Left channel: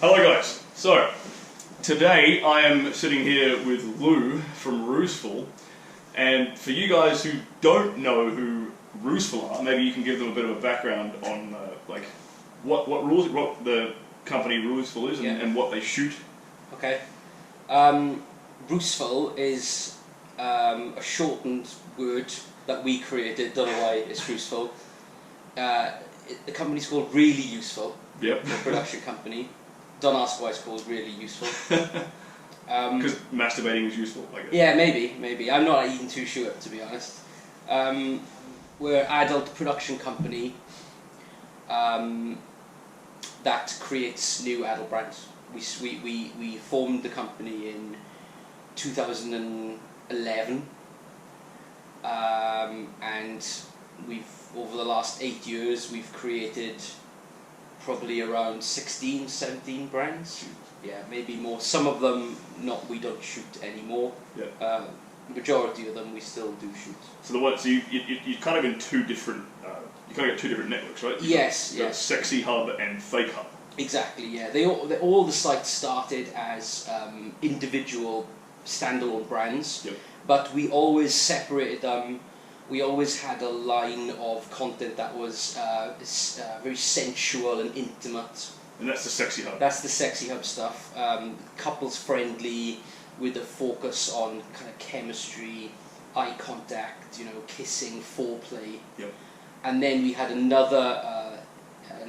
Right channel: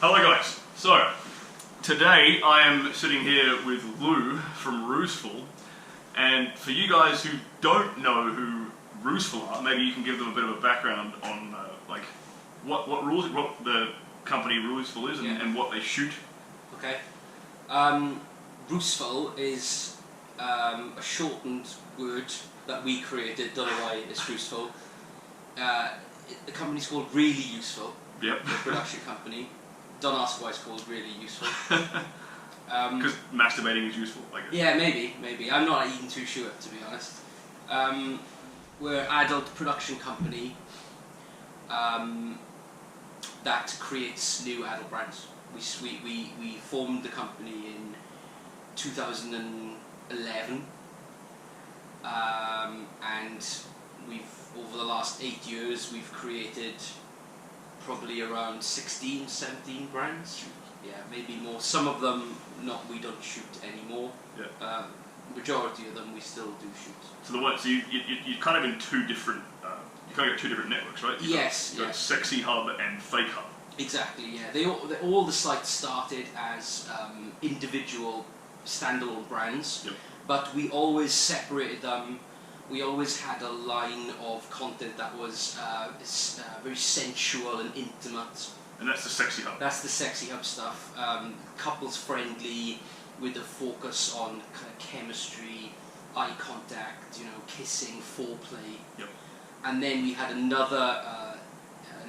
Hello guys, so today I am sitting here with Lou from Roosevelt, and for you guys who don't know who Roosevelt are, maybe you can give them a bit of a background on like what the company Roosevelt is and what they shoot. Okay. Roosevelt is a shortened word that we created, don't know why it's Roosevelt. The company's called Really Useful, Yep. the production company. Don't ask why it's called Really Useful. Because masturbating is useful, I guess. Yeah, maybe. I'm not even too sure, to be honest. We're an adult production company that creates new adult brands. We formed the company in 2011, and over the last 8 years we've created probably around 16, 17 brands. Jesus. Yeah, maybe more. Some of them we don't shoot anymore. Yeah. Majority of them we still do shoot. So you're kind of in two different you kind of got two different networks, right? Yes. Sexy Hub and Fake Hub. Exactly. Yeah. All the sites started as individual standalone brands. Yep. But we always separated them. We always had a line of content that was very sensual and intimate. And that's the Sexy Hub. That's the Sexy Hub stuff. Couples friendly, with a focus on kind of chemistry, eye contact, kissing, foreplay. Yep. And then we had another.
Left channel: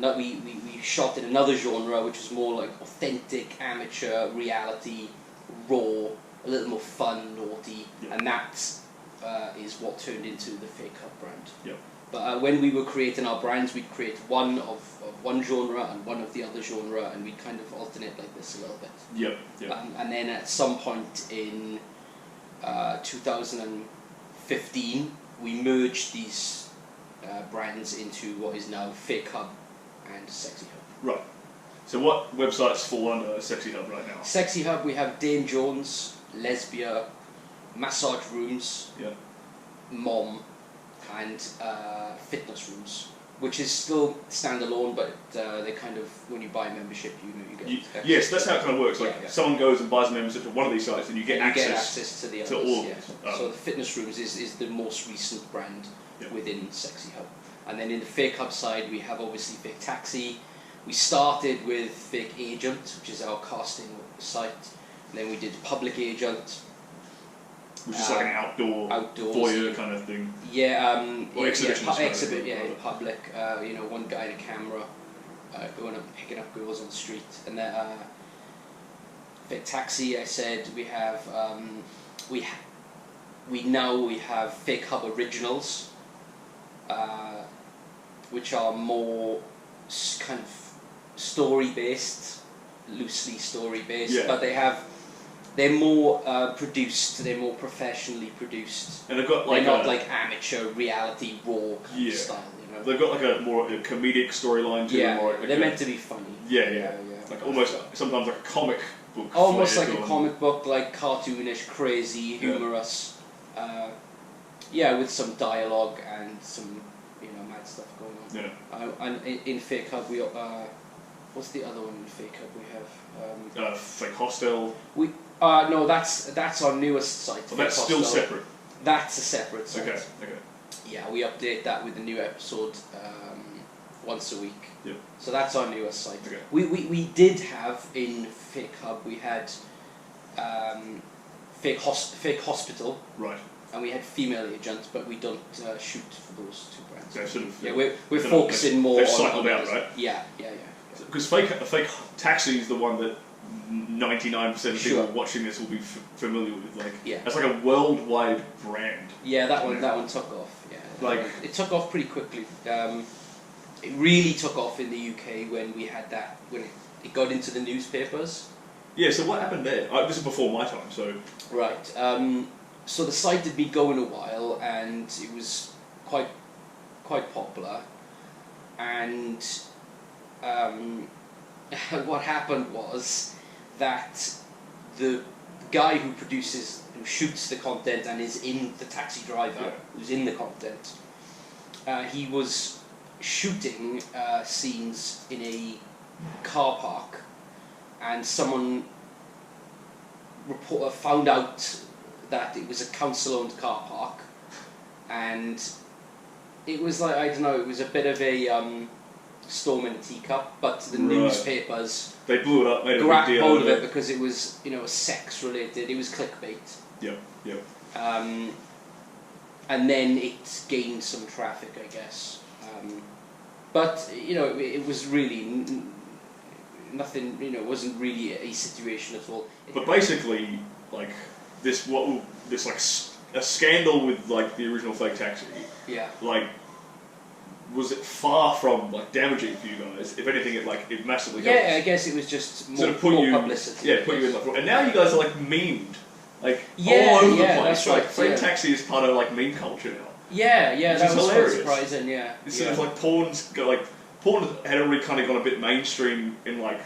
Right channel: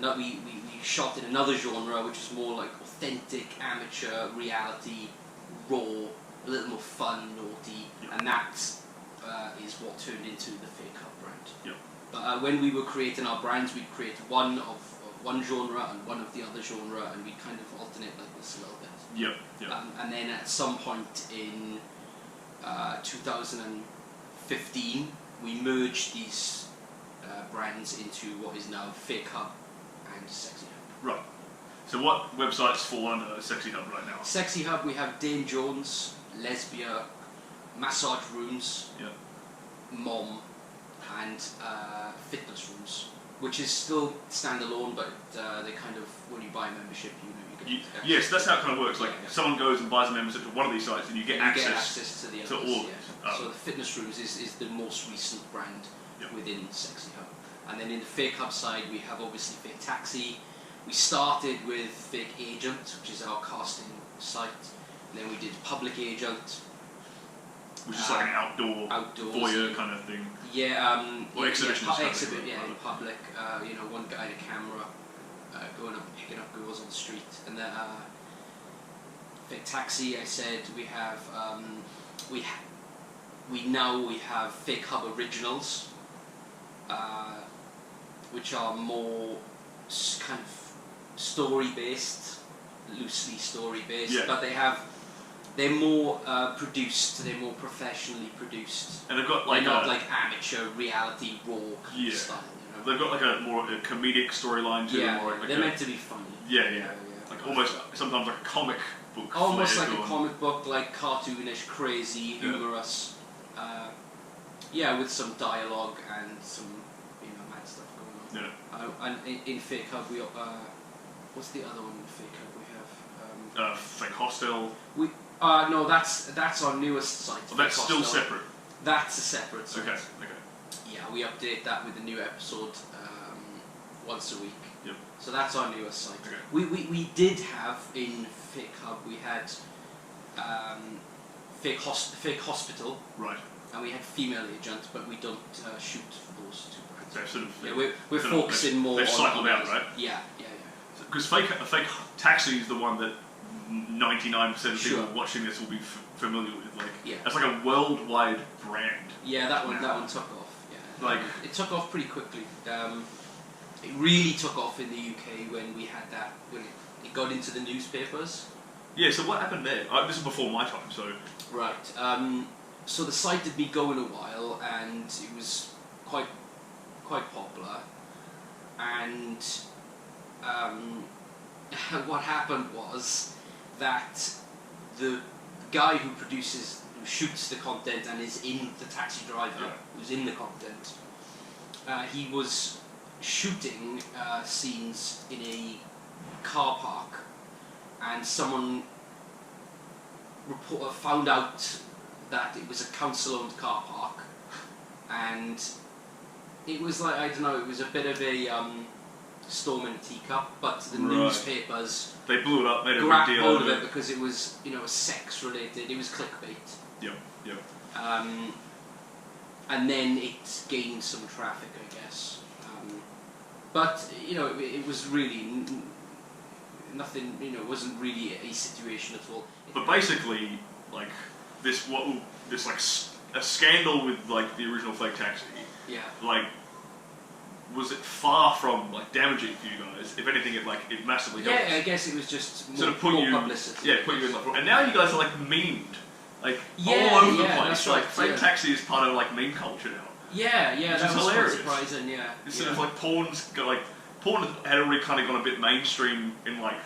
We shot in another genre, which was more like authentic, amateur, reality, raw, a little more fun, naughty, Yep. and that is what turned into the Fake Hub brand. Yep. But when we were creating our brands, we'd create one of one genre and one of the other genre, and we'd kind of alternate like this a little bit. Yep. And then at some point in 2015, we merged these brands into what is now Fake Hub and Sexy Hub. Right. So what websites fall under Sexy Hub right now? Sexy Hub, we have Dane Jones, Lesbia, Massage Rooms, Mom, and Fitness Rooms, which is still standalone, but they kind of, when you buy a membership, you get yes, that's how it kind of works. Like someone goes and buys a membership to one of these sites, and you get access to the others. To all of it. it. So the Fitness Rooms is the most recent brand Yep. within Sexy Hub. And then in the Fake Hub side, we have obviously Fake Taxi. We started with Fake Agent, which is our casting site. And then we did Public Agent, which is like an outdoors voyeur kind of thing. Yeah, or exhibition. In public. One guy in a camera going up and picking up girls on the street. And then Fake Taxi, I said we have we have Fake Hub Originals, which are more kind of story based, loosely story based, but they're more produced. They're more professionally produced, and they've got they're not like amateur reality raw kind of style. They've got like a more comedic storyline to them. Or they're meant to be funny. Yeah. Like almost sometimes like a comic book. Almost like a comic book, like cartoonish, crazy, humorous. With some dialogue and some mad stuff going on. Yeah. And in Fake Hub we what's the other one in Fake Hub we have? Fake Hostel. No, that's our newest site. Oh, that's still separate. That's a separate site. Okay. Yeah, we update that with a new episode once a week. Yep. So that's our newest site. Okay. We did have in Fake Hub we had Fake Hospital. Right. And we had Female Agent, but we don't shoot for those two brands. So sort of, we're focusing more on... They've cycled out, right? Yeah. Because Fake Taxi is the one that 99% of people watching this will be familiar with. It's like a worldwide brand. Yeah, that one took off. Yeah, it took off pretty quickly. It really took off in the UK when we had that, when it got into the newspapers. Yeah. So what happened there? This is before my time. So right. So the site had been going a while, and it was quite popular. And what happened was that the guy who shoots the content and is in the taxi driver who's in the content, he was shooting scenes in a car park and someone found out that it was a council-owned car park, and it was like, I don't know, it was a bit of a storm in a teacup, but the newspapers, they blew it up, made a big grabbed deal hold of of it it because it was, you know, sex-related, it was clickbait. Yep. And then it gained some traffic, I guess. But, you know, it was really nothing, you know, it wasn't really a situation at all. But basically, like, a scandal with, like, the original Fake Taxi, like, was it far from, like, damaging for you guys? If anything, it massively helped. Yeah, I guess it was just more publicity. Yeah, put you in the front. And now you guys are, like, memeed. Like, all over the place. That's like, right. Fake Taxi is part of, like, meme culture now. Yeah, Which that is was hilarious. quite surprising, yeah. It's sort of like porn had already kind of gone a bit mainstream in, like,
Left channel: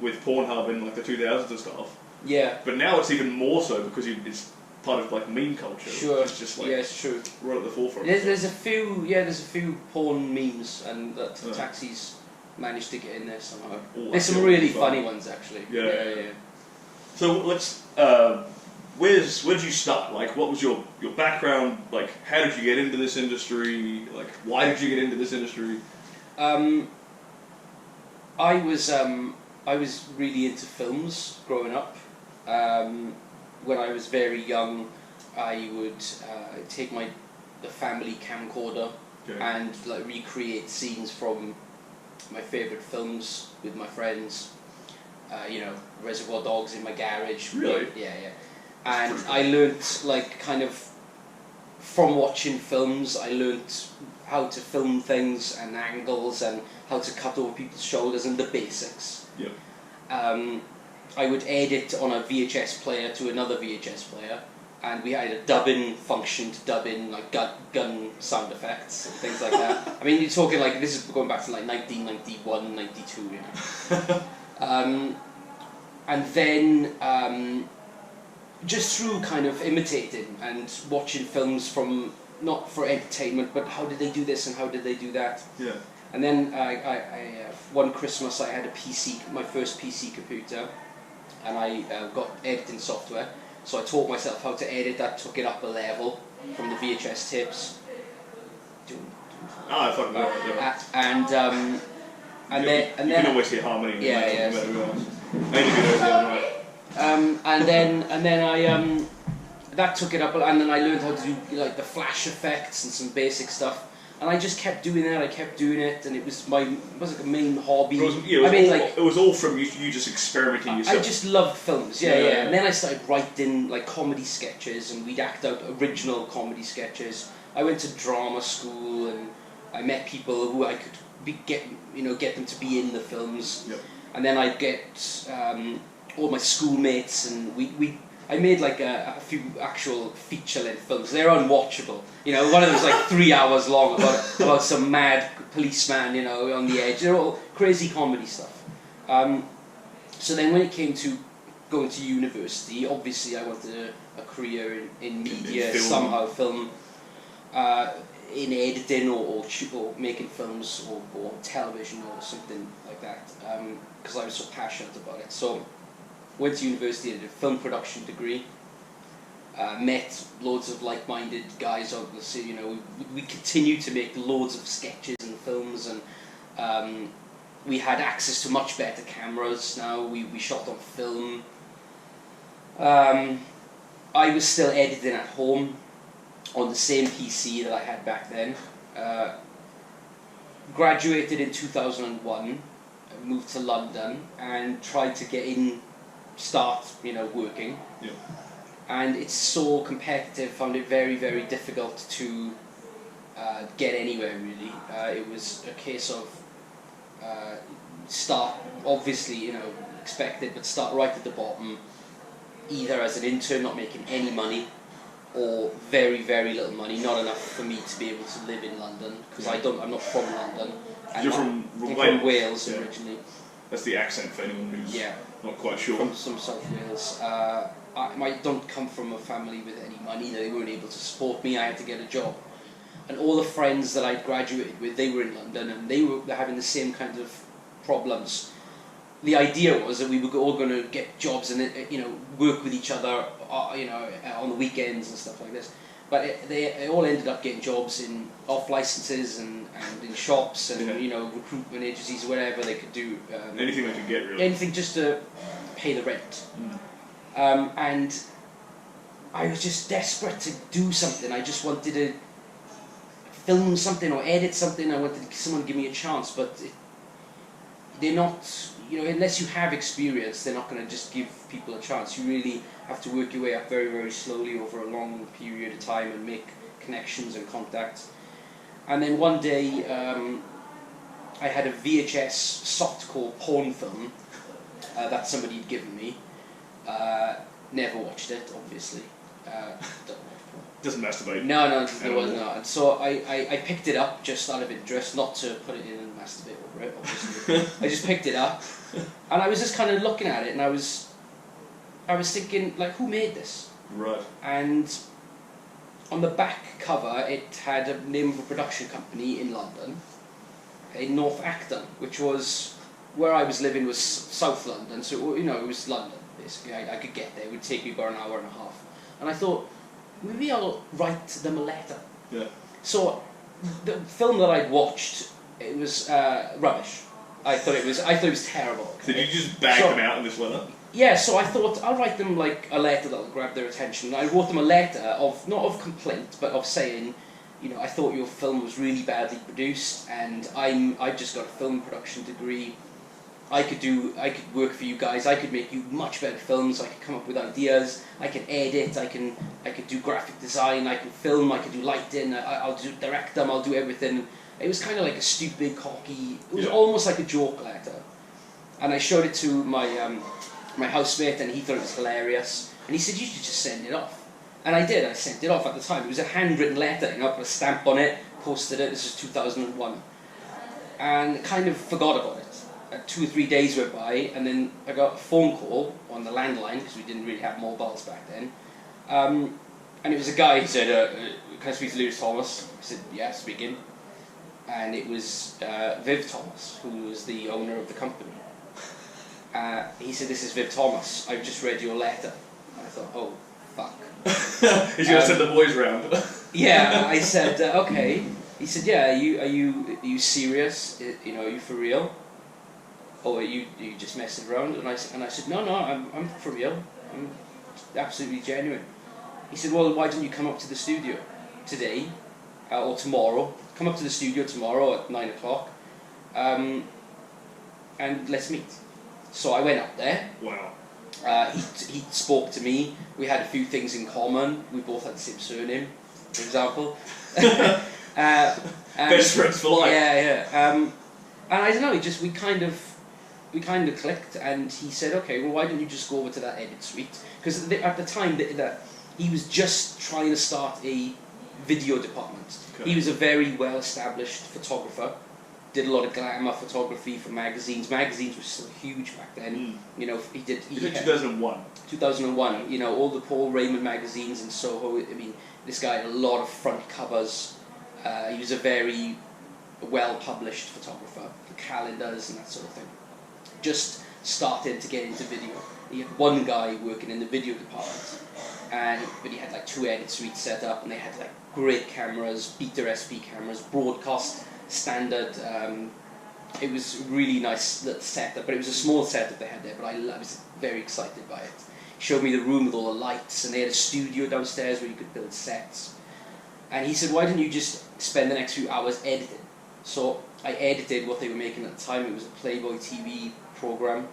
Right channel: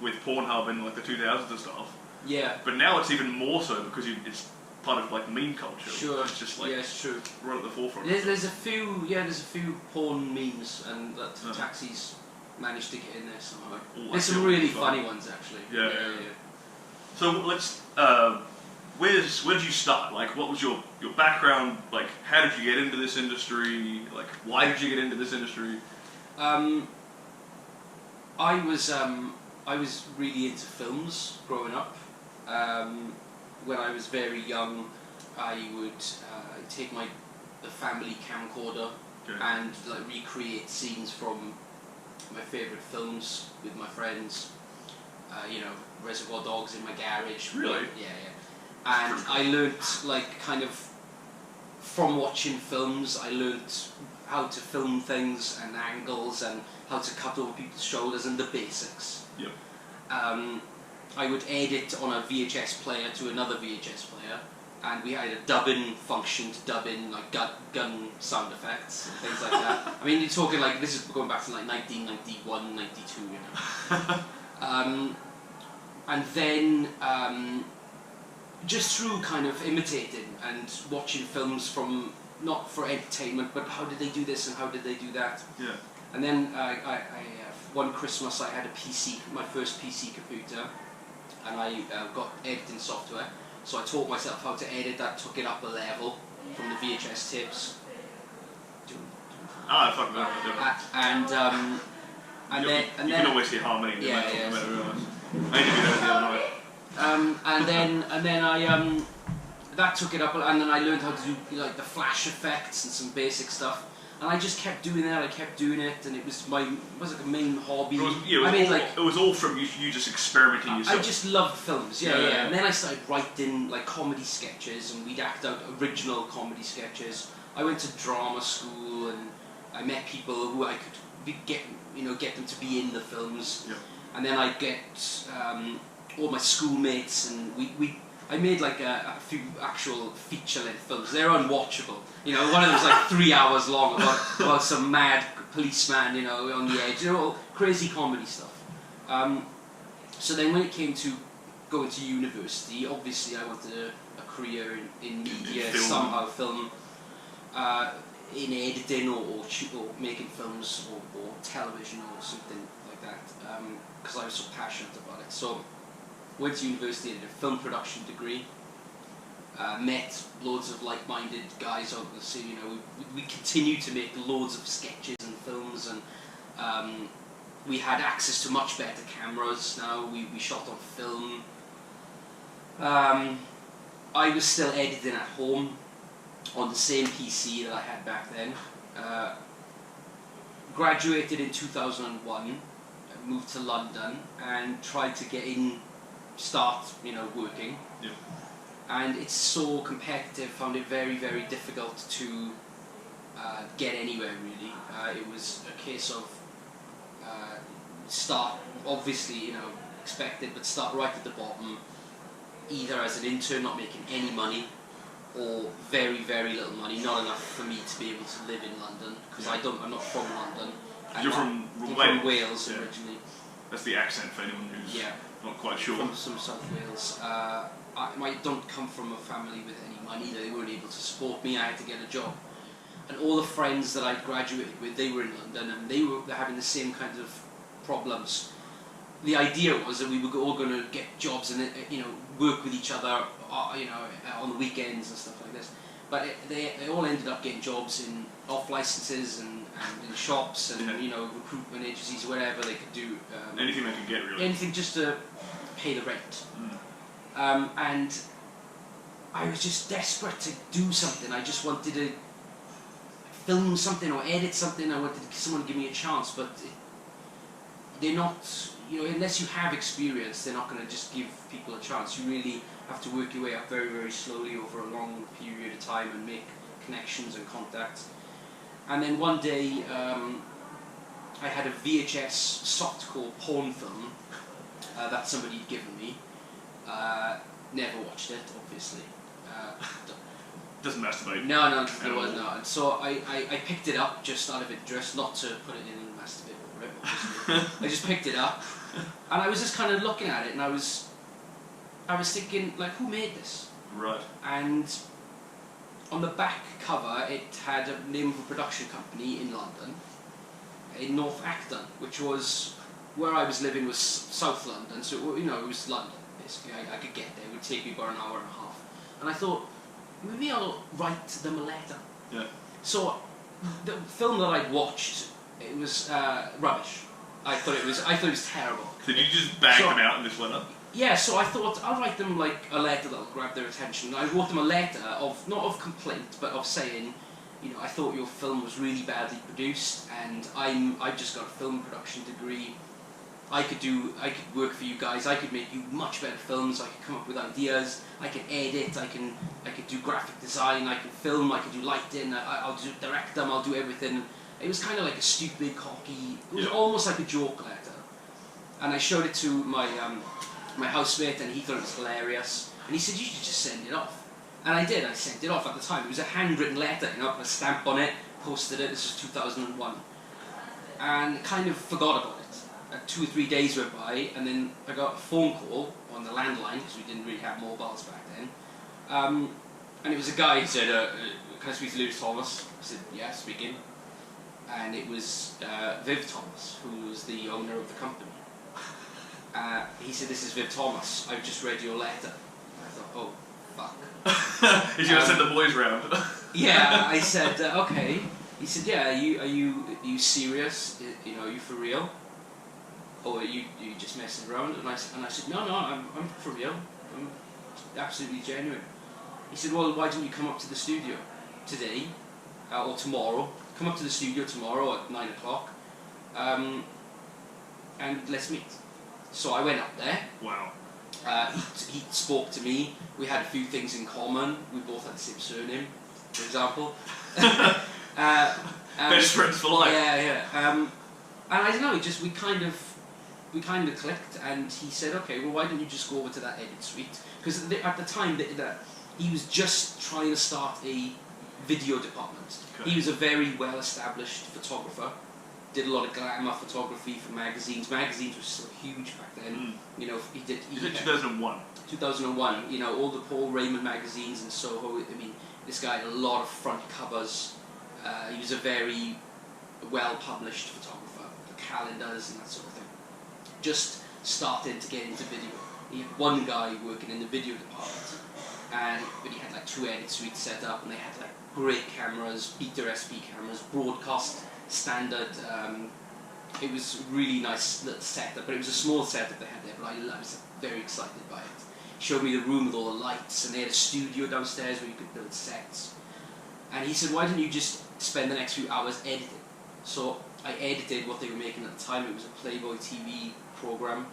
with Pornhub in, like, the 2000s and stuff. Yeah. But now it's even more so because it's part of, like, meme culture. Sure. It's just, like, it's true. right at the forefront. There's a few porn memes, and that Taxis managed to get in there somehow. There's some really funny ones, actually. Yeah. So let's. Where did you start? Like, what was your background? Like, how did you get into this industry? Like, why did you get into this industry? I was really into films growing up. When I was very young, I would take the family camcorder and like recreate scenes from my favourite films with my friends. You know, Reservoir Dogs in my garage. Really? Yeah. And I learnt, like, kind of, from watching films, I learnt how to film things and angles and how to cut over people's shoulders and the basics. Yep. I would edit on a VHS player to another VHS player, and we had a dub-in function to dub in, like, gun sound effects and things like that. I mean, you're talking, like, this is going back to, like, 1991, 92, you know. And then... just through kind of imitating and watching films from, not for entertainment, but how did they do this and how did they do that? Yeah. And then one Christmas I had a PC, my first PC computer, and I got editing software. So I taught myself how to edit that, took it up a level from the VHS tapes. I fucking know. And then you can always hear harmony. And then I that took it up, and then I learned how to do, like, the flash effects and some basic stuff, and I just kept doing that. I kept doing it, and it was like a main hobby. It was all from you just experimenting yourself. I just loved films, and then I started writing, like, comedy sketches, and we'd act out original comedy sketches. I went to drama school, and I met people who I could get them to be in the films. Yep. And then I'd get all my schoolmates, and I made, like, a few actual feature-length films. They're unwatchable. You know, one of them was like 3 hours long about some mad policeman, you know, on the edge. They're all crazy comedy stuff. So then when it came to going to university, obviously I wanted a career in media, in film, in editing or making films or television or something like that, because I was so passionate about it. So went to university, did a film production degree, met loads of like-minded guys, obviously, you know, we continued to make loads of sketches and films, and we had access to much better cameras now, we shot on film. I was still editing at home on the same PC that I had back then. Graduated in 2001, moved to London and tried to start working. Yeah. And it's so competitive, found it very, very difficult to get anywhere, really. It was a case of start, obviously, expected, but start right at the bottom, either as an intern not making any money, or very, very little money, not enough for me to be able to live in London, because I'm not from London. You're from Wales originally. That's the accent for anyone who's not quite sure. From some South Wales. I don't come from a family with any money. They weren't able to support me. I had to get a job. And all the friends that I'd graduated with, they were in London, and they're having the same kind of problems. the idea was that we were all going to get jobs and work with each other, on the weekends and stuff like this. But they all ended up getting jobs in off licenses and in shops and recruitment agencies, whatever they could do. Anything they could get, really. Anything just to pay the rent. And I was just desperate to do something. I just wanted to film something or edit something. I wanted someone to give me a chance, but they're not, unless you have experience, they're not going to just give people a chance. You really have to work your way up very, very slowly over a long period of time and make connections and contacts. And then one day, I had a VHS softcore porn film that somebody had given me. Never watched it, obviously. Doesn't masturbate. No, there was not. And so I picked it up just out of interest, not to put it in and masturbate over it, obviously. I just picked it up, and I was just kind of looking at it, and I was thinking, like, who made this? Right. And on the back cover, it had a name of a production company in London, in North Acton, which was where I was living was South London, so it was London basically. I could get there. It would take me about an hour and a half, and I thought, maybe I'll write them a letter. Yeah. So the film that I'd watched, it was rubbish. I thought it was terrible. Did you just bag them out in this letter? Yeah, so I thought I'll write them like a letter that'll grab their attention. I wrote them a letter of not of complaint, but of saying, I thought your film was really badly produced, and I've just got a film production degree. I could work for you guys. I could make you much better films. I could come up with ideas. I can edit. I could do graphic design. I can film. I could do lighting. I'll direct them. I'll do everything. It was kind of like a stupid, cocky. It was almost like a joke letter. And I showed it to my housemate, and he thought it was hilarious. And he said, "You should just send it off." And I did. I sent it off at the time. It was a handwritten letter. Put a stamp on it, posted it. This was 2001, and kind of forgot about it. 2 or 3 days went by, and then I got a phone call on the landline, because we didn't really have mobiles back then. And it was a guy who said, "Can I speak to Lewis Thomas?" I said, "Yeah, speaking." And it was Viv Thomas, who was the owner of the company. He said, "This is Viv Thomas. I've just read your letter." I thought, "Oh, fuck." He's going to send the boys round. Yeah, I said, "Okay." He said, "Yeah, are you serious? Are you for real? Or are you just messing around?" And I said, no, I'm for real. I'm absolutely genuine. He said, "Well, why don't you come up to the studio today or tomorrow? Come up to the studio tomorrow at 9 o'clock, and let's meet." So I went up there. Wow. He spoke to me. We had a few things in common. We both had the same surname, for example. Best friends for life. Yeah. And I don't know. We kind of clicked, and he said, "Okay, well, why don't you just go over to that edit suite?" Because at the time that he was just trying to start a video department. Okay. He was a very well-established photographer. Did a lot of glamour photography for magazines. Magazines were still huge back then. He did. You said 2001. 2001. All the Paul Raymond magazines in Soho. I mean, this guy had a lot of front covers. He was a very well-published photographer. The calendars and that sort of thing. Just started to get into video. He had one guy working in the video department, but he had like 2 edit suites set up, and they had like great cameras, Beta SP cameras, broadcast standard. It was a really nice little setup, but it was a small setup they had there. But I was very excited by it. He showed me the room with all the lights, and they had a studio downstairs where you could build sets. And he said, "Why don't you just spend the next few hours editing?" So I edited what they were making at the time. It was a Playboy TV program,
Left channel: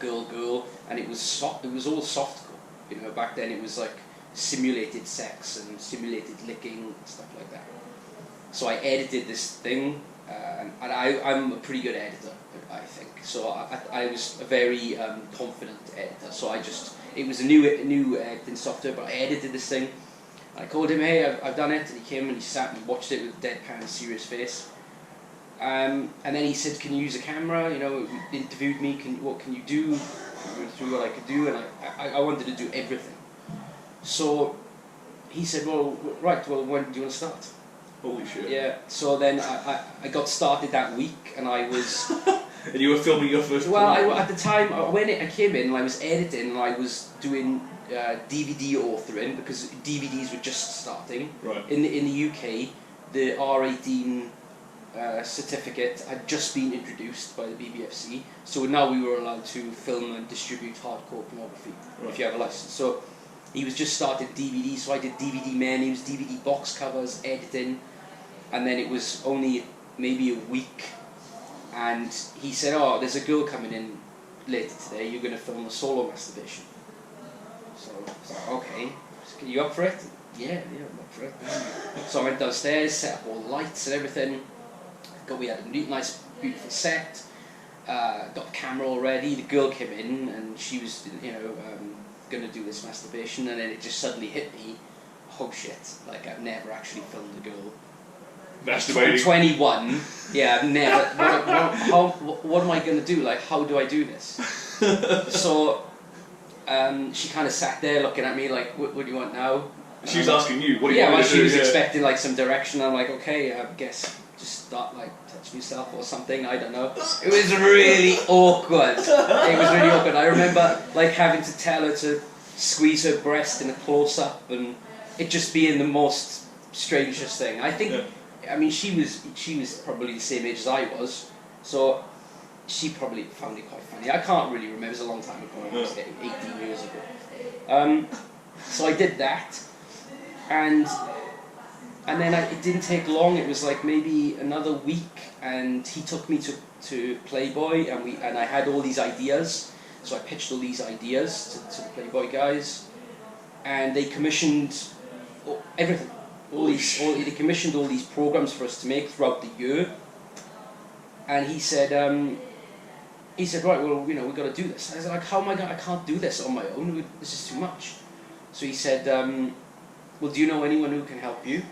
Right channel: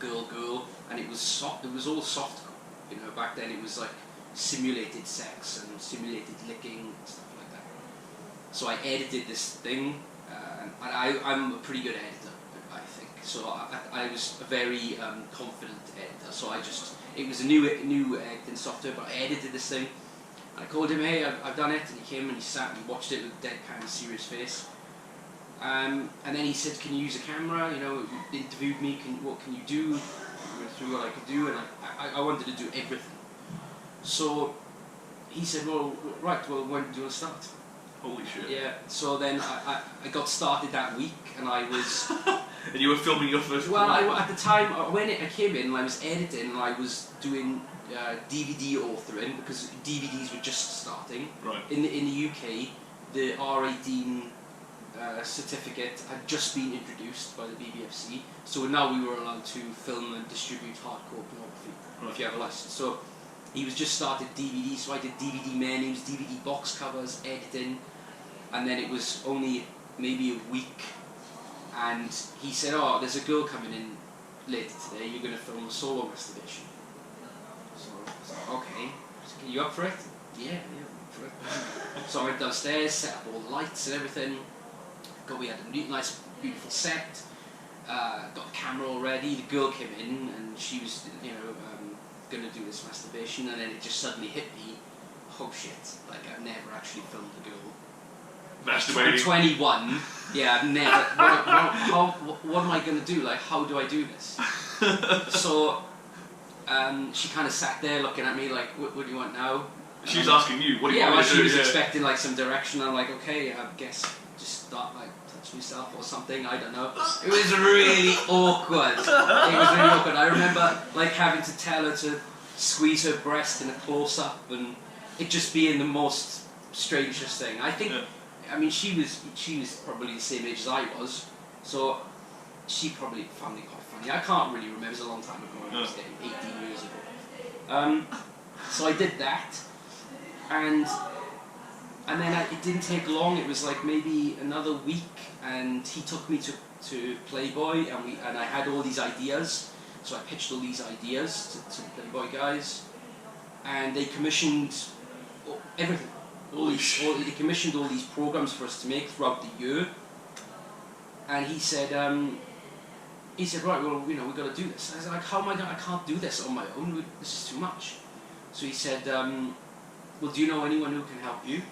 Girl, and it was all softcore. Back then it was like simulated sex and simulated licking and stuff like that. So I edited this thing, and I'm a pretty good editor, I think. So I was a very confident editor. So it was a new editing software, but I edited this thing. And I called him, "Hey, I've done it," and he came and he sat and watched it with a deadpan, serious face. And then he said, "Can you use a camera?" He interviewed me. What can you do? We went through what I could do, and I wanted to do everything. So he said, "Well, right. Well, when do you want to start?" Holy shit. Yeah. So then I got started that week, and I was And you were filming your first Well, at the time, when I came in, I was editing and I was doing DVD authoring because DVDs were just starting. Right. In the UK, the R18 certificate had just been introduced by the BBFC, so now we were allowed to film and distribute hardcore pornography if you have a license. So he was just started DVD, so I did DVD menus, DVD box covers, editing, and then it was only maybe a week, and he said, "Oh, there's a girl coming in later today. You're going to film a solo masturbation." So I was like, "Okay, are you up for it?" Yeah, I'm up for it. So I went downstairs, set up all the lights and everything. We had a nice, beautiful set. Got the camera all ready. The girl came in and she was, going to do this masturbation, and then it just suddenly hit me. Oh shit! Like I've never actually filmed a girl masturbating. I'm 21. Yeah, I've never. What am I going to do? Like, how do I do this? So she kind of sat there looking at me like, "What do you want now?" She's asking you, "What do you want me to do?" She was expecting like some direction. I'm like, "Okay, I guess." Just start like touching yourself or something, I don't know. It was really awkward. I remember like having to tell her to squeeze her breast in a close-up and it just being the most strangest thing. I think, I mean, she was probably the same age as I was, so she probably found it quite funny. I can't really remember, it was a long time ago, it was 18 years ago. So I did that, and then it didn't take long. It was like maybe another week, and he took me to Playboy, and I had all these ideas. So I pitched all these ideas to the Playboy guys, and they commissioned everything. They commissioned all these programs for us to make throughout the year. And he said, right, well, we've got to do this. I was like, how am I going? I can't do this on my own. This is too much. So he said, well, do you know anyone who can help you?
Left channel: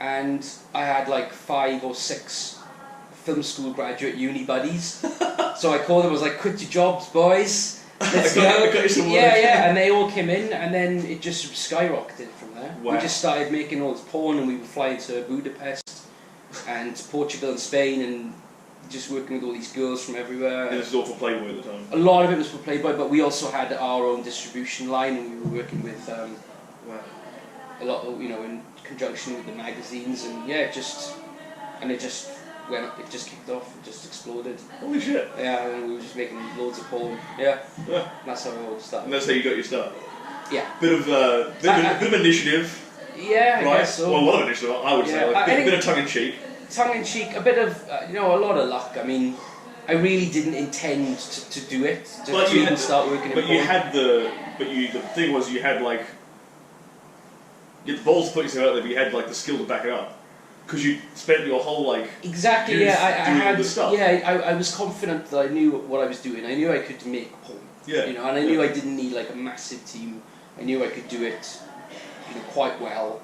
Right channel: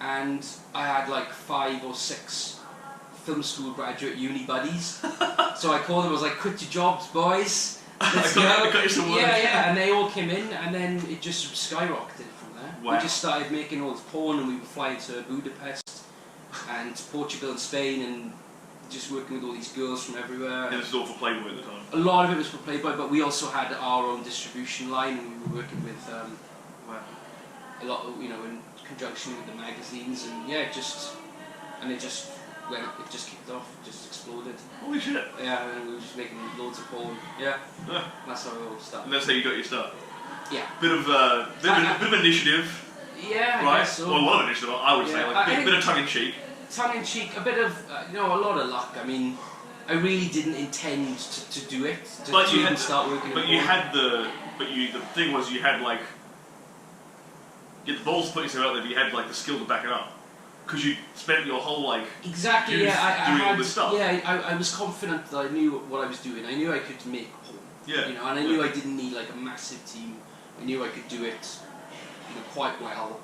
And I had like 5 or 6 film school graduate uni buddies. So I called them, I was like, quit your jobs, boys. Let's go. Yeah, and they all came in, and then it just skyrocketed from there. Wow. We just started making all this porn, and we were flying to Budapest and Portugal and Spain, and just working with all these girls from everywhere. And this was all for Playboy at the time? A lot of it was for Playboy, but we also had our own distribution line, and we were working with a lot of, in conjunction with the magazines, and it just kicked off, it just exploded. Holy shit. Yeah, and we were just making loads of porn. Yeah. That's how it all started. And that's how you got your start? Yeah. Bit of initiative. Yeah, I right? guess so. Well, a lot of initiative, I would say. Like, bit of tongue-in-cheek. Tongue-in-cheek, a bit of, a lot of luck. I mean, I really didn't intend to do it, to even start working in porn. But the thing was, you had the balls to put yourself out there, but you had the skill to back it up. Because you spent your whole doing all this stuff. Yeah, I was confident that I knew what I was doing. I knew I could make porn. Yeah. And I knew I didn't need a massive team. I knew I could do it, quite well.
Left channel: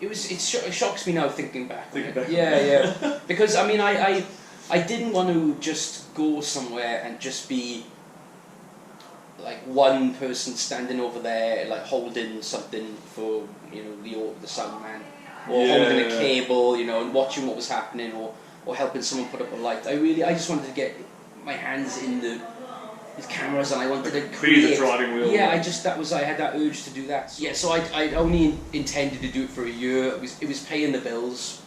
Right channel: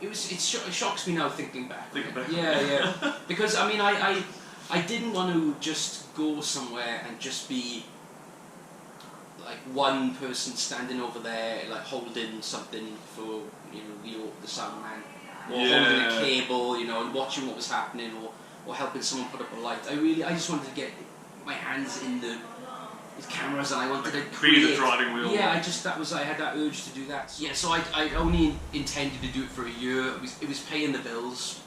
It shocks me now thinking back. Yeah. Because I mean, I didn't want to just go somewhere and just be like one person standing over there, holding something for the sound man, or holding a cable, and watching what was happening, or helping someone put up a light. I just wanted to get my hands in the cameras, and I wanted to create. Be the driving wheel. Yeah, I had that urge to do that. Yeah, so I only intended to do it for a year. It was paying the bills,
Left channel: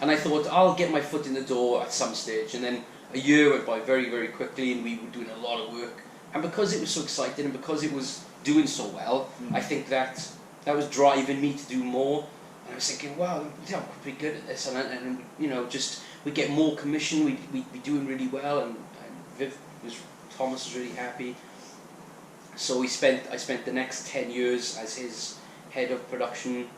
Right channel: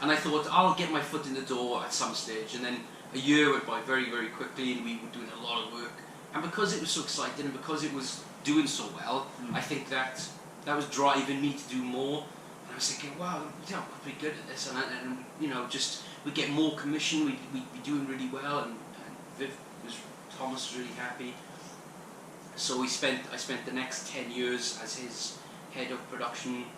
and I thought I'll get my foot in the door at some stage, and then a year went by very, very quickly, and we were doing a lot of work. And because it was so exciting, and because it was doing so well, I think that was driving me to do more. And I was thinking, wow, I'm pretty good at this, and we'd get more commission, we'd be doing really well, and Thomas was really happy. So I spent the next 10 years as his head of production,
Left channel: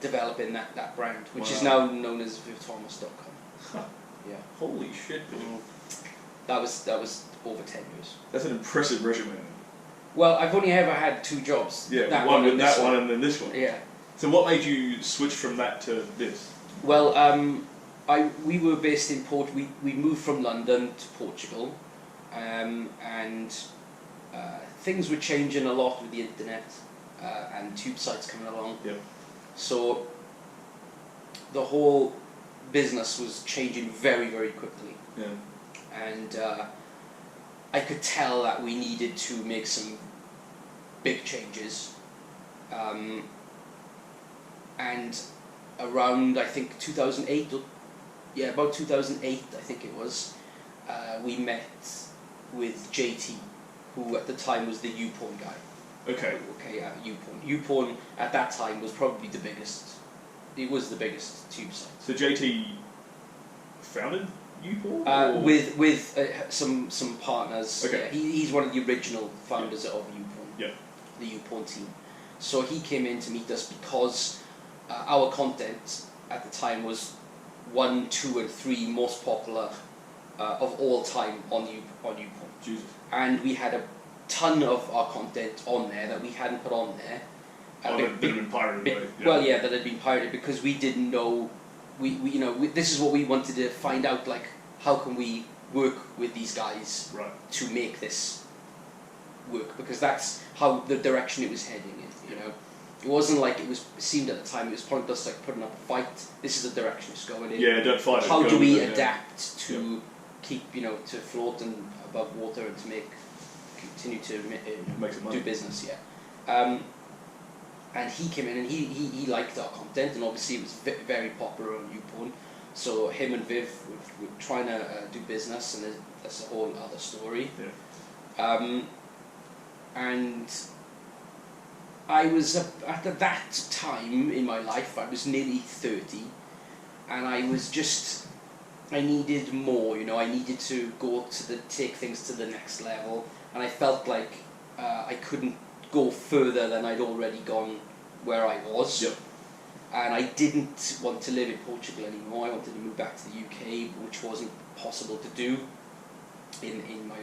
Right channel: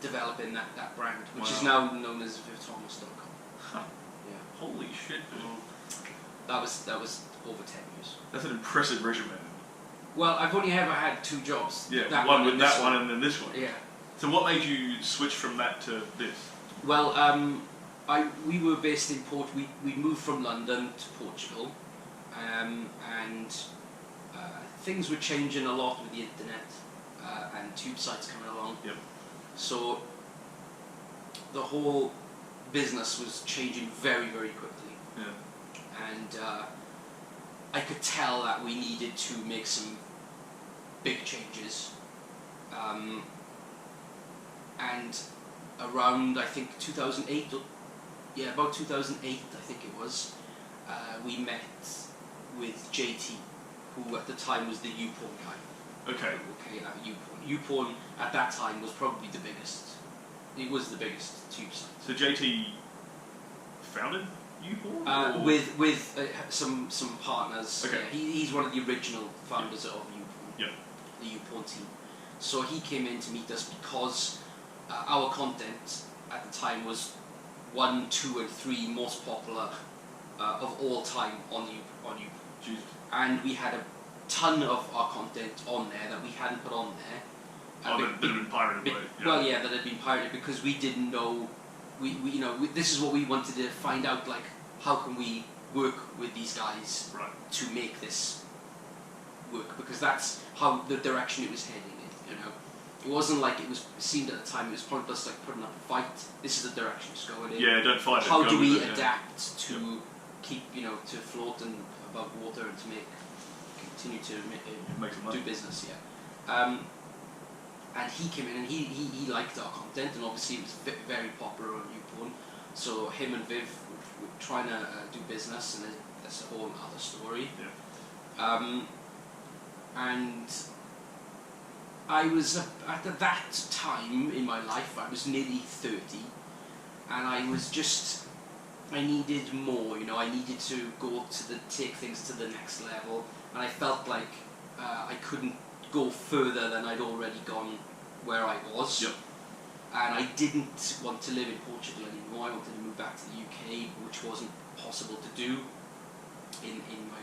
developing that brand, which is now known as VivThomas.com. Huh. Yeah. Holy shit, man. That was over 10 years. That's an impressive resume then. Well, I've only ever had 2 jobs. Yeah, one with that one and then this one. Yeah. So what made you switch from that to this? Well, we were based in we moved from London to Portugal, and things were changing a lot with the internet and tube sites coming along. Yep. So the whole business was changing very, very quickly. Yeah. And I could tell that we needed to make some big changes. And around, I think, 2008, about 2008, I think it was, we met with JT, who at the time was the YouPorn guy. Okay. Okay, YouPorn. YouPorn at that time was probably the biggest. It was the biggest tube site. So JT founded YouPorn? With some partners. Okay. Yeah, he's one of the original founders of YouPorn. Yep. The YouPorn team. So he came in to meet us because our content at the time was 1, 2, and 3 most popular of all time on YouPorn. Jesus. And we had a ton of our content on there that we hadn't put on there. That had been pirated. Well, yeah, that had been pirated because we didn't know. This is what we wanted to find out. Like, how can we work with these guys to make this work? Because that's how the direction it was heading in. You know, it wasn't like it seemed at the time. It was pointless like putting up a fight. This is the direction it's going in. Yeah, don't fight it. How do we adapt to keep to float and above water and to continue to make some money. Do business? And he came in and he liked our content, and obviously it was very popular on YouPorn. So him and Viv were trying to do business, and that's a whole other story. Yeah. And I was at that time in my life, I was nearly 30, and I needed more. I needed to take things to the next level, and I felt like I couldn't go further than I'd already gone where I was. Yep. And I didn't want to live in Portugal anymore. I wanted to move back to the UK, which wasn't possible to do in my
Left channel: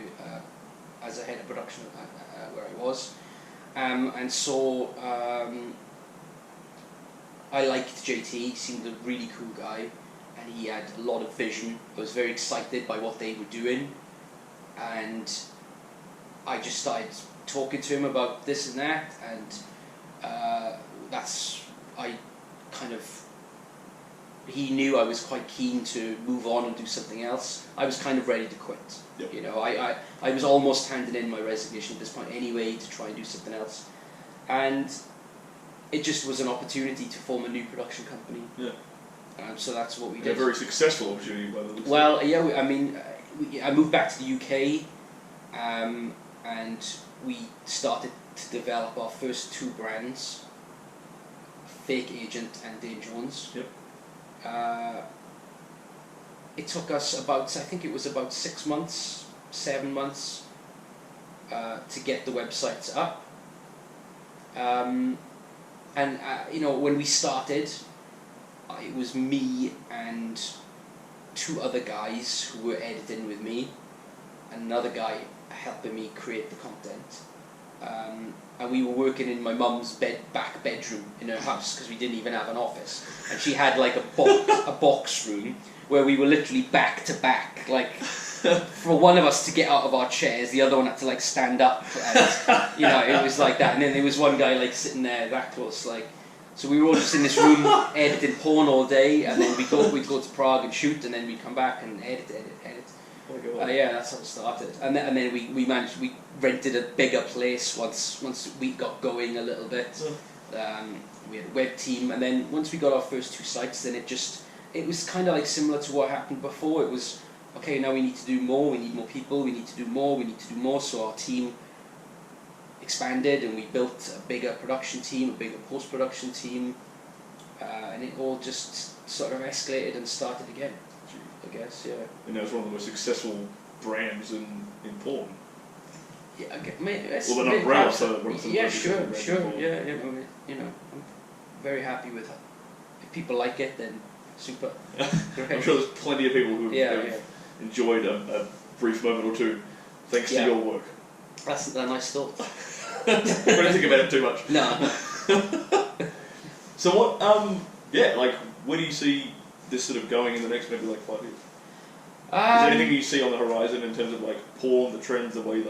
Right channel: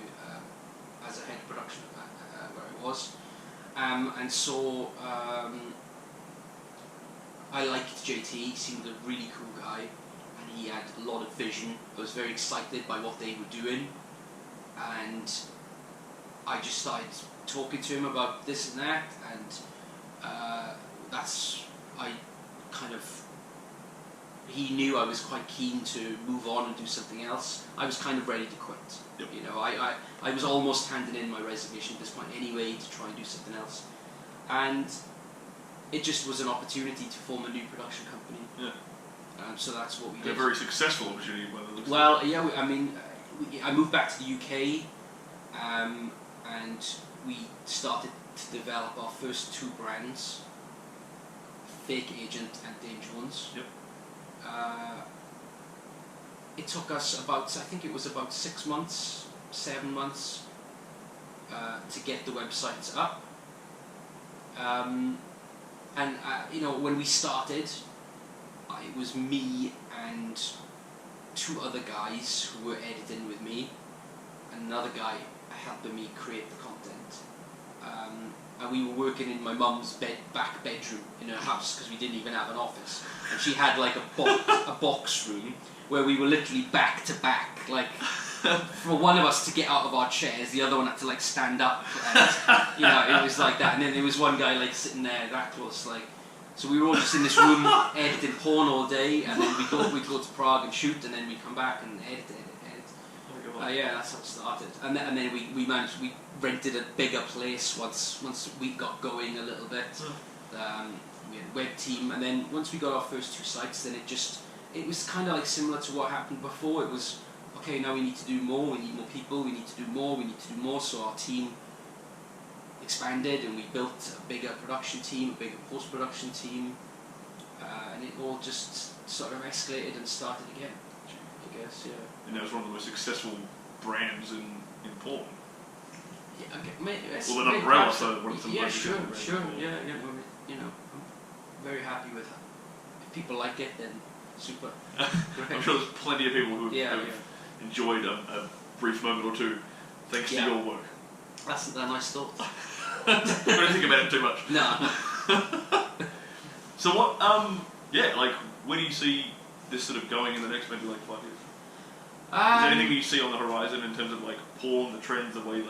as a head of production where I was. And so I liked JT. He seemed a really cool guy, and he had a lot of vision. I was very excited by what they were doing, and I just started talking to him about this and that, and he knew I was quite keen to move on and do something else. I was kind of ready to quit. Yep. I was almost handing in my resignation at this point anyway to try and do something else, and it just was an opportunity to form a new production company. Yeah. So that's what we did. A very successful opportunity by the looks of it. Well, yeah. I moved back to the UK. And we started to develop our first 2 brands, Fake Agent and Dame Jones. Yep. It took us about 6 months, 7 months to get the websites up. When we started, it was me and 2 other guys who were editing with me, and another guy helping me create the content. And we were working in my mum's back bedroom in her house because we didn't even have an office. And she had like a box room where we were literally back to back. Like, for one of us to get out of our chairs, the other one had to like stand up. And, it was like that. And then there was one guy like sitting there that close. Like, so we were all just in this room editing porn all day. And then we'd go to Prague and shoot. And then we'd come back and edit. Yeah, that's how it started, and then we rented a bigger place once we got going a little bit. We had a web team, and then once we got our first 2 sites, then it was kind of like similar to what happened before. It was okay. Now we need to do more. We need more people. We need to do more. We need to do more. So our team expanded, and we built a bigger production team, a bigger post-production team, and it all just sort of escalated and started again. I guess, yeah. And that was one of the most successful brands in porn. Yeah, maybe. Well, an umbrella, so one of the yeah, sure. Yeah, I'm very happy with it. If people like it, then super. I'm sure there's plenty of people who have enjoyed a brief moment or two thanks to your work. That's a nice thought. Don't think about it too much. No. So what? Where do you see this sort of going in the next maybe 5 years? Is there anything you see on the horizon in terms of porn, the trends, the way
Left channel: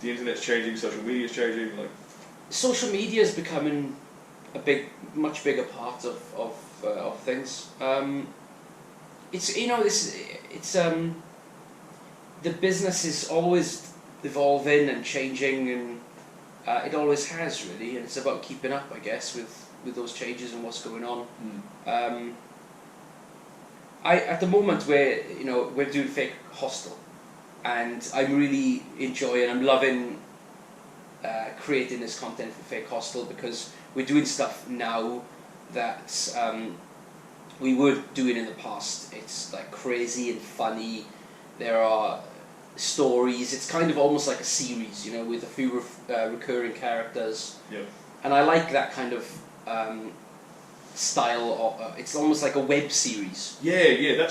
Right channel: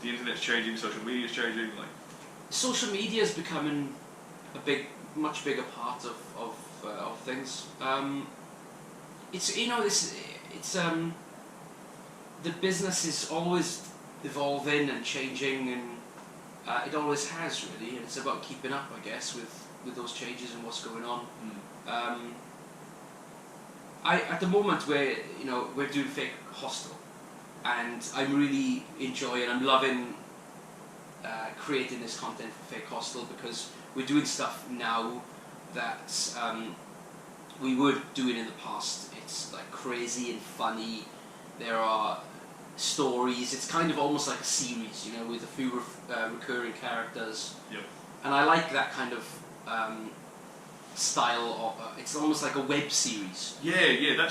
the internet's changing, social media's changing? Social media is becoming a much bigger part of of things. It's the business is always evolving and changing, and it always has really, and it's about keeping up, I guess, with those changes and what's going on. At the moment we're doing Fake Hostel, and I'm really enjoying. I'm loving creating this content for Fake Hostel, because we're doing stuff now that we were doing in the past. It's like crazy and funny. There are stories. It's kind of almost like a series, with a few recurring characters. Yep. And I like that kind of style. It's almost like a web series. Yeah.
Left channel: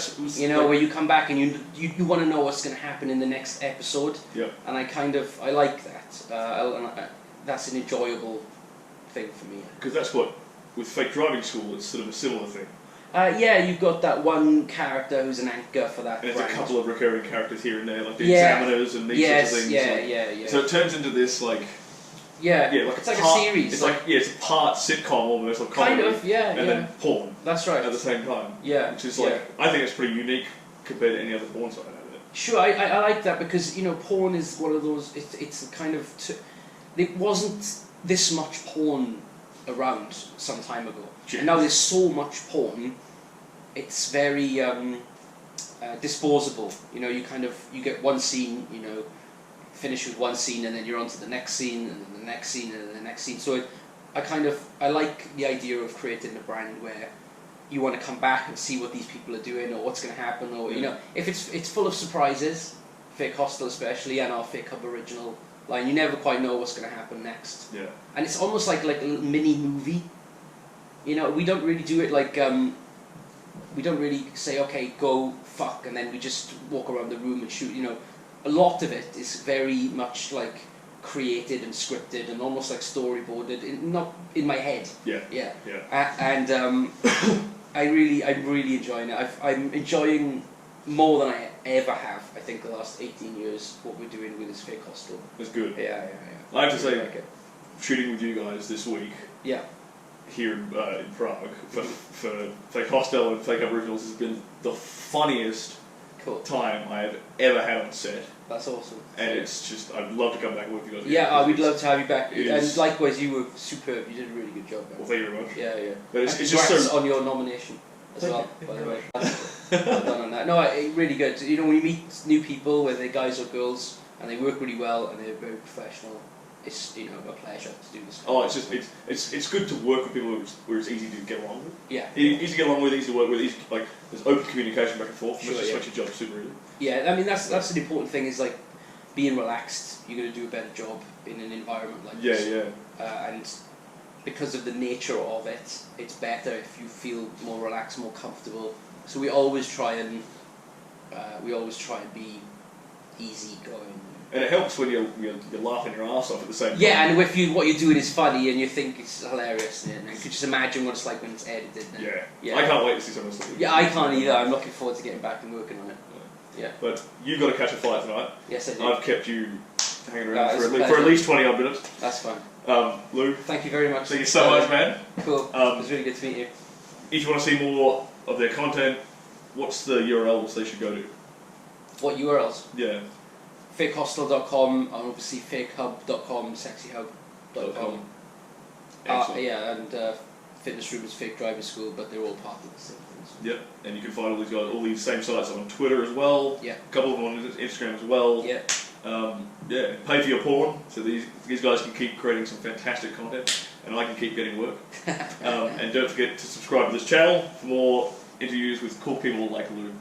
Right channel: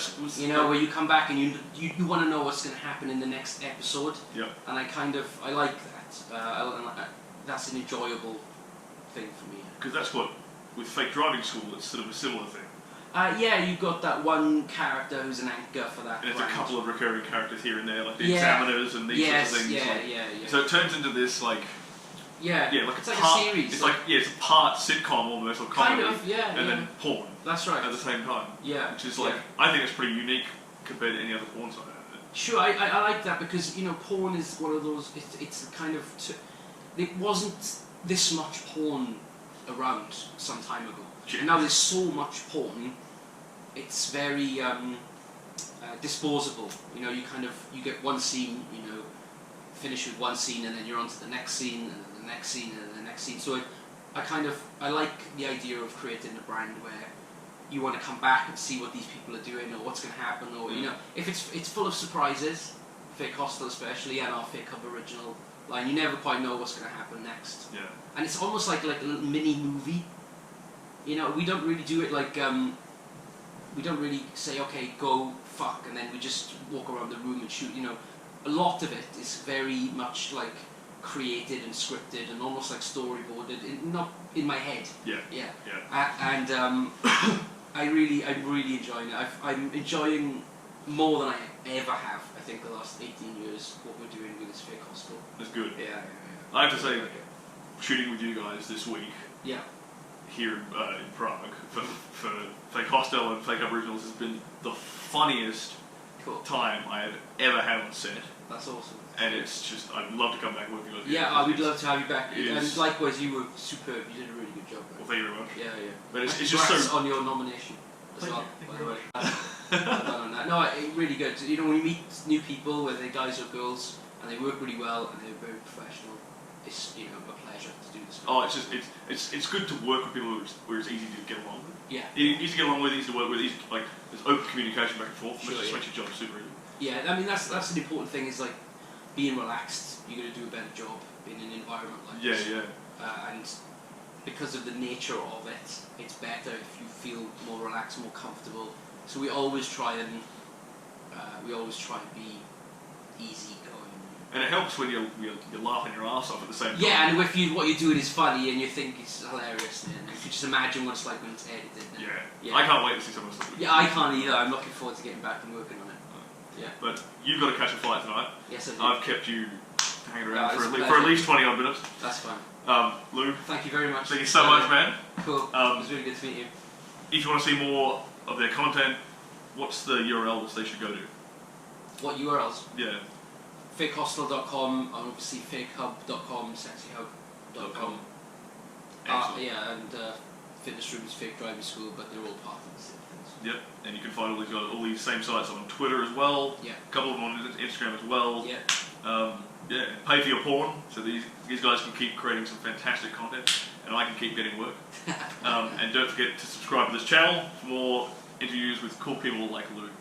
Where you come back and you want to know what's going to happen in the next episode. Yep. And I like that. That's an enjoyable thing for me. Because that's what, with Fake Driving School, it's sort of a similar thing. You've got that one character who's an anchor for that. And brand. it's a couple of recurring characters here and there, like the examiners and these sorts of things. Yeah. So it turns into this like it's like a series. It's it's a part sitcom almost, or comedy, kind of, and then porn. That's right. At the same time. Yeah. Which is I think it's pretty unique compared to any other porn site out there. Sure, I like that, because porn is one of those. It's a kind of it wasn't this much porn around some time ago, and now there's so much porn. It's very disposable. You get one scene, finish with one scene, and then you're on to the next scene, and then the next scene, and then the next scene. So I like the idea of creating a brand where you want to come back and see what these people are doing, or what's going to happen, or if it's full of surprises, Fake Hostel especially, and our Fake Hub original line. You never quite know what's going to happen next. Yeah. And it's almost like a little mini movie. We don't really do it like we don't really say, okay, go fuck, and then we just walk around the room and shoot. A lot of it is very much like created and scripted and almost like storyboarded, not in my head. Yeah. And I'm really enjoying it. I'm enjoying more than I ever have. I think the last 18 years what we're doing with this Fake Hostel. That's good. Yeah. I have to say, shooting with you guys this week. Yeah. Here in Prague for Fake Hostel and Fake Aboriginals has been the funniest time I have ever had on set. That's awesome. And it's just, I'd love to come back and work with you guys. Yeah, we'd love to have you back. And likewise, you were superb. You did a really good job, man. Well, thank you very much. Yeah. But it's just so... on your nomination as well, by the way. Well done on that. No, really good. When you meet new people, whether they're guys or girls, and they work really well and they're very professional, it's a pleasure to do this. It's good to work with people where it's easy to get along with. Yeah. Easy to get along with, easy to work with. There's open communication back and forth, which just makes your job super easy. Yeah, I mean that's an important thing. Is like being relaxed. You're going to do a better job in an environment like this. Yeah. And because of the nature of it, it's better if you feel more relaxed, more comfortable. So we always try and be easy going. And it helps when you're laughing your ass off at the same time. Yeah, and if what you're doing is funny and you think it's hilarious, and you could just imagine what it's like when it's edited. Yeah. I can't wait to see some of the stuff. Yeah, I can't either. I'm looking forward to getting back and working on it. Yeah. But you've got to catch a flight tonight. Yes, I do. I've kept you hanging around for at least 20 odd minutes. That's fine. Lou. Thank you very much. Thank you so much, man. Cool. It was really good to meet you. If you want to see more of their content, what's the URLs they should go to? What URLs? Yeah. fakehostel.com, and obviously fakehub.com, sexyhub.com. And fitness rooms, Fake Driving School, but they're all part of the same things. Yep, and you can find all these same sites on Twitter as well. Yeah. A couple of them on Instagram as well. Yeah. Pay for your porn, so these guys can keep creating some fantastic content, and I can keep getting work. And don't forget to subscribe to this channel for more interviews with cool people like Lou.